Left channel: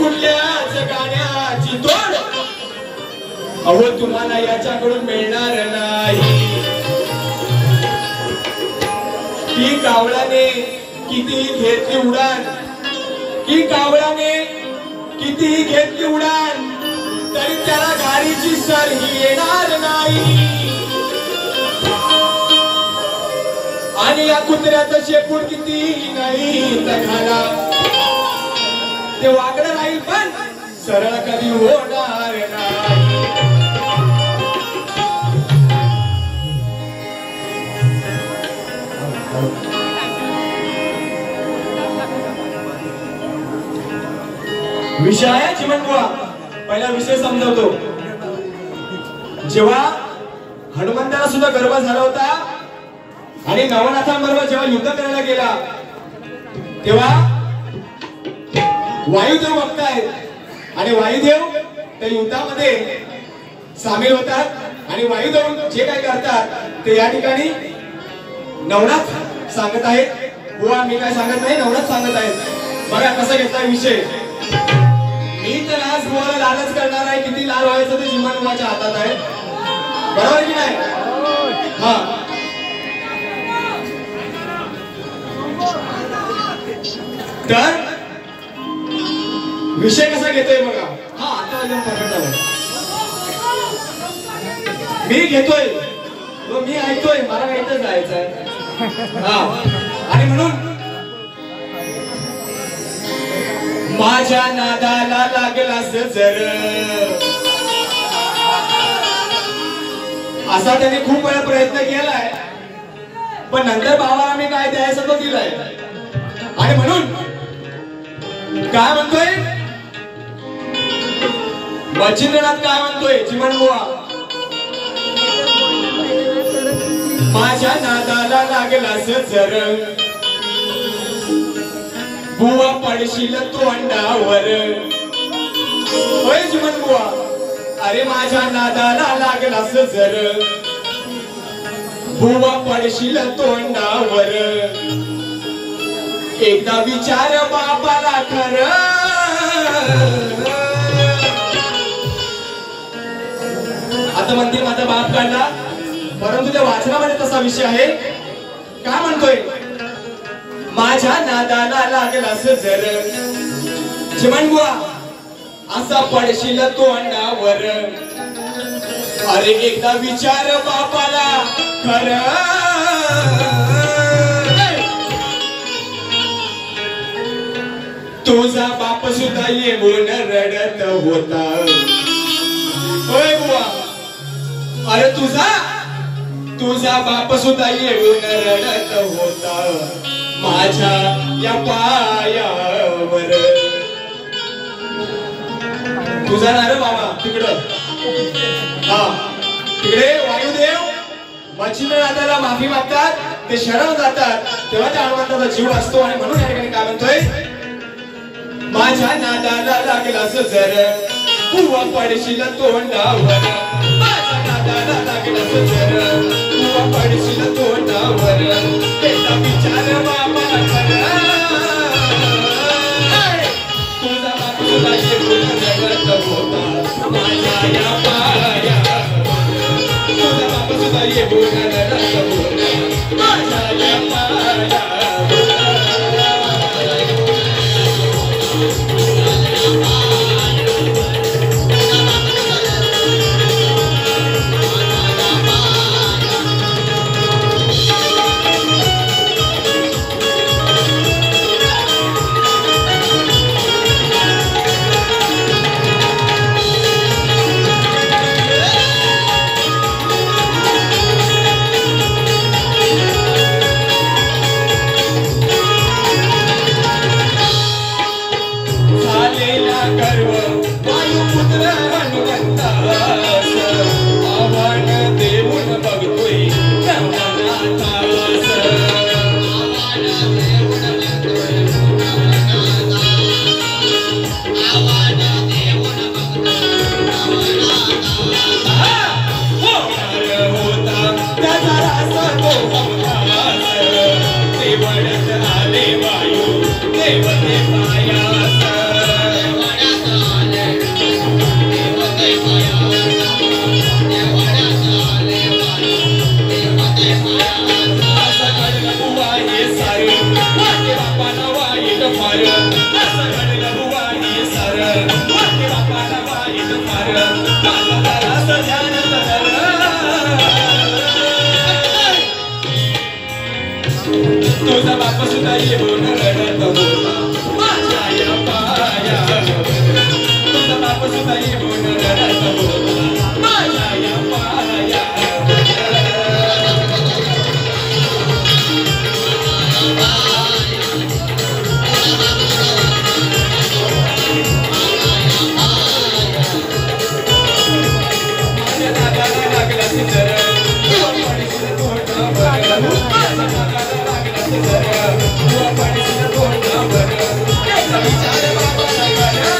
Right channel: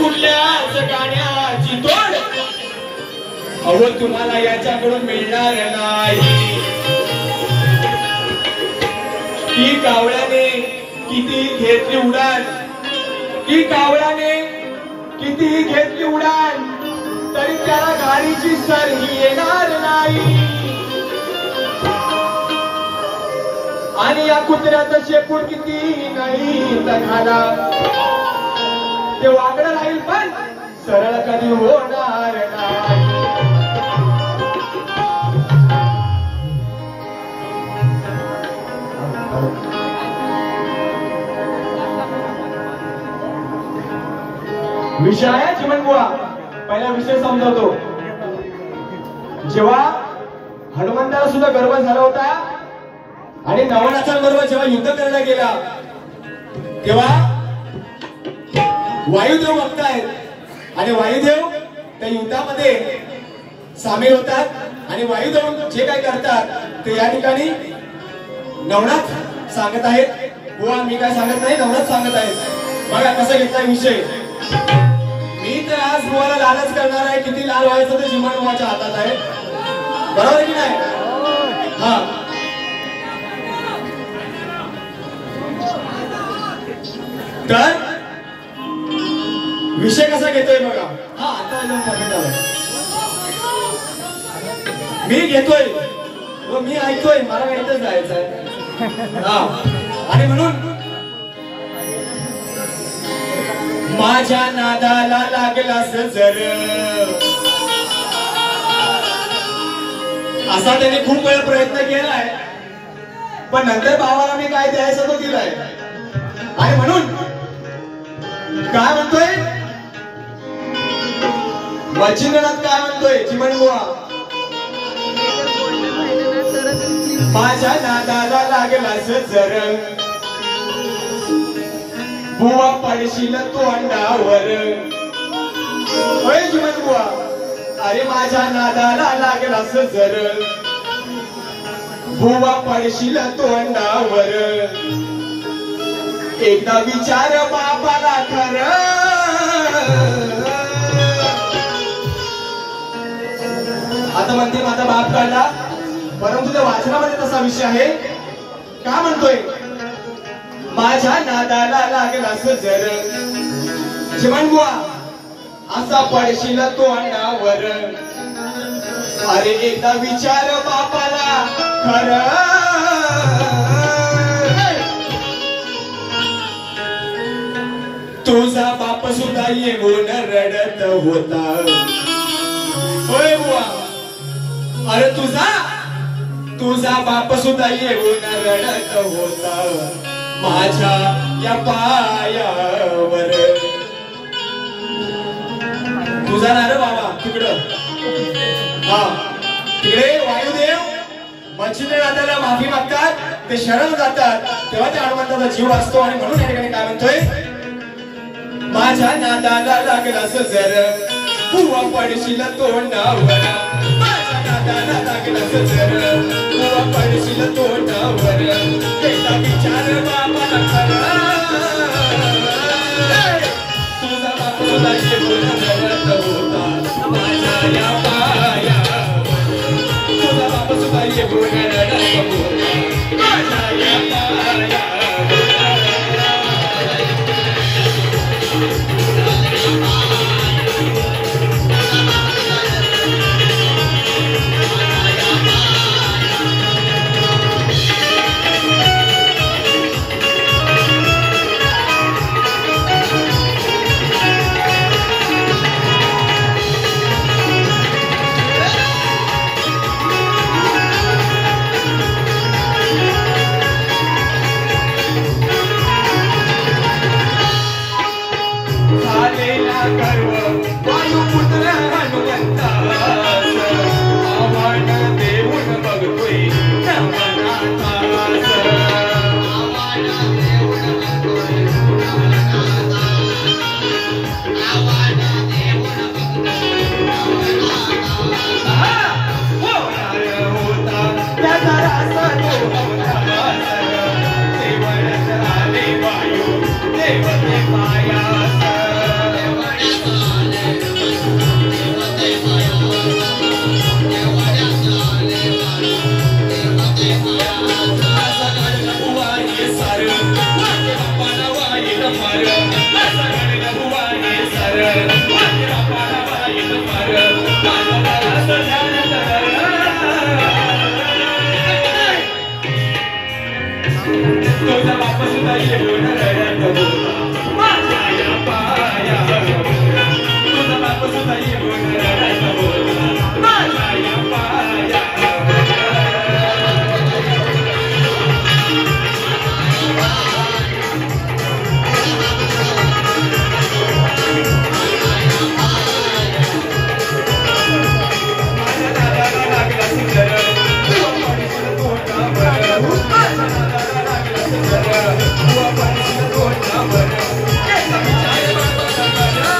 कुठल्याच गाण्याची तोड अहो तुम्हाला याच्याकडून मिळणार नाही। ही कावळ्याने किती घेतली उडान, ही कावळ्याने किती घेतली उडान, तरी त्याला गाडीची सर ही येणार नाही। आणि या कुत्र्याचं शेपूट किती नाही खाला ते वाकडं राहील पण सरळ कधी होणार नाही। विषय आहे चिमणबुवा। पहिला विषय समजावतो। जेव्हा हनुमंताला सुद्धा गर्व झाला होता आणि नवनाथांबरोबर जेव्हा युद्ध करायला गेला तेव्हा वायुदेव बघतायत आणि वायुदेव त्या युद्धामध्ये सामील होतात आणि वायुदेव जे काय करतात ते या ठिकाणी नवनाथ सांगत आहेत। बुवा मी काय सांगत नाही, नवनाथ सांगत आहेत। बघा कसा घेतलाय विषय। मी तर आज बुवाला लालच करणार आहे, किती लाल व्हायचं ते चिमणबुवाच्या हातात आहे, बरोबर की नाही? हा तर विषय कसा घेतोय बघा। हा आता मी घेतोय व मी ऐकतोय, मला इथं जायचंय। हा आणि म्हणून माझ्या नादाला लागलास जर असा त्याने खूप वेळा प्रयत्न केलाय, पण नंतर भावाला मी काय द्यायचं तो दिलाय। आणि म्हणून काय म्हणतोय मच्छिंद्रनाथ, काय म्हणतोय चिमणबुवा? माझ्या नादाला लागलास जर बुवा पडशील तोंडावर। होय चिमणबुवा, अरे माझ्या नादाला लागलास जर बुवा पडशील तोंडावर। एकदा विचार बापाला खरं, आता म्हणतील माझा बाप काढला, परंतु त्या वाचनामध्ये तसा विषय आहे। काय म्हणतोय? माझ्या नादाला लागलास जर चिमणबुवा असा पडशील तोंडावर। अरे एकदा विचार बापाला खरं, तुझा बाप सुद्धा येऊन रडत होता। होय बुवा, अरे तुझा बाप सुद्धा येऊन रडत होता माझ्या या पायावर। तुझा ना रे बाबा तिकडं, हा तिकडे वायुदेव मच्छिंद्रनाथाला माफी मागतात, ते शरण जातात, तेव्हा त्या हनुमंताचा जीव असतो। आणि म्हणून या ठिकाणी काय म्हणतोय? माझ्या नादाला लागलास जर बुवा पडशील तोंडावर। माझ्या नादाला लागलास जर बुवा पडशील तोंडावर। एकदा विचार बापाला खरं, तुझा बाप सुद्धा येऊन रडत होता माझ्या या पायावर। तुझा बाप सुद्धा येऊन रडत होता माझ्या या पायावर। तुझा बाप सुद्धा येऊन रडत होता माझ्या या पायावर तुझा बाप सुद्धा येऊन रडत होता माझ्या या पायावर माझ्या दादाला लागला सिंगर पडीशील तोंडावर माझ्या दादाला लागला सिंगर पडीशील तोंडावर त्याचा विचार बाबाला करा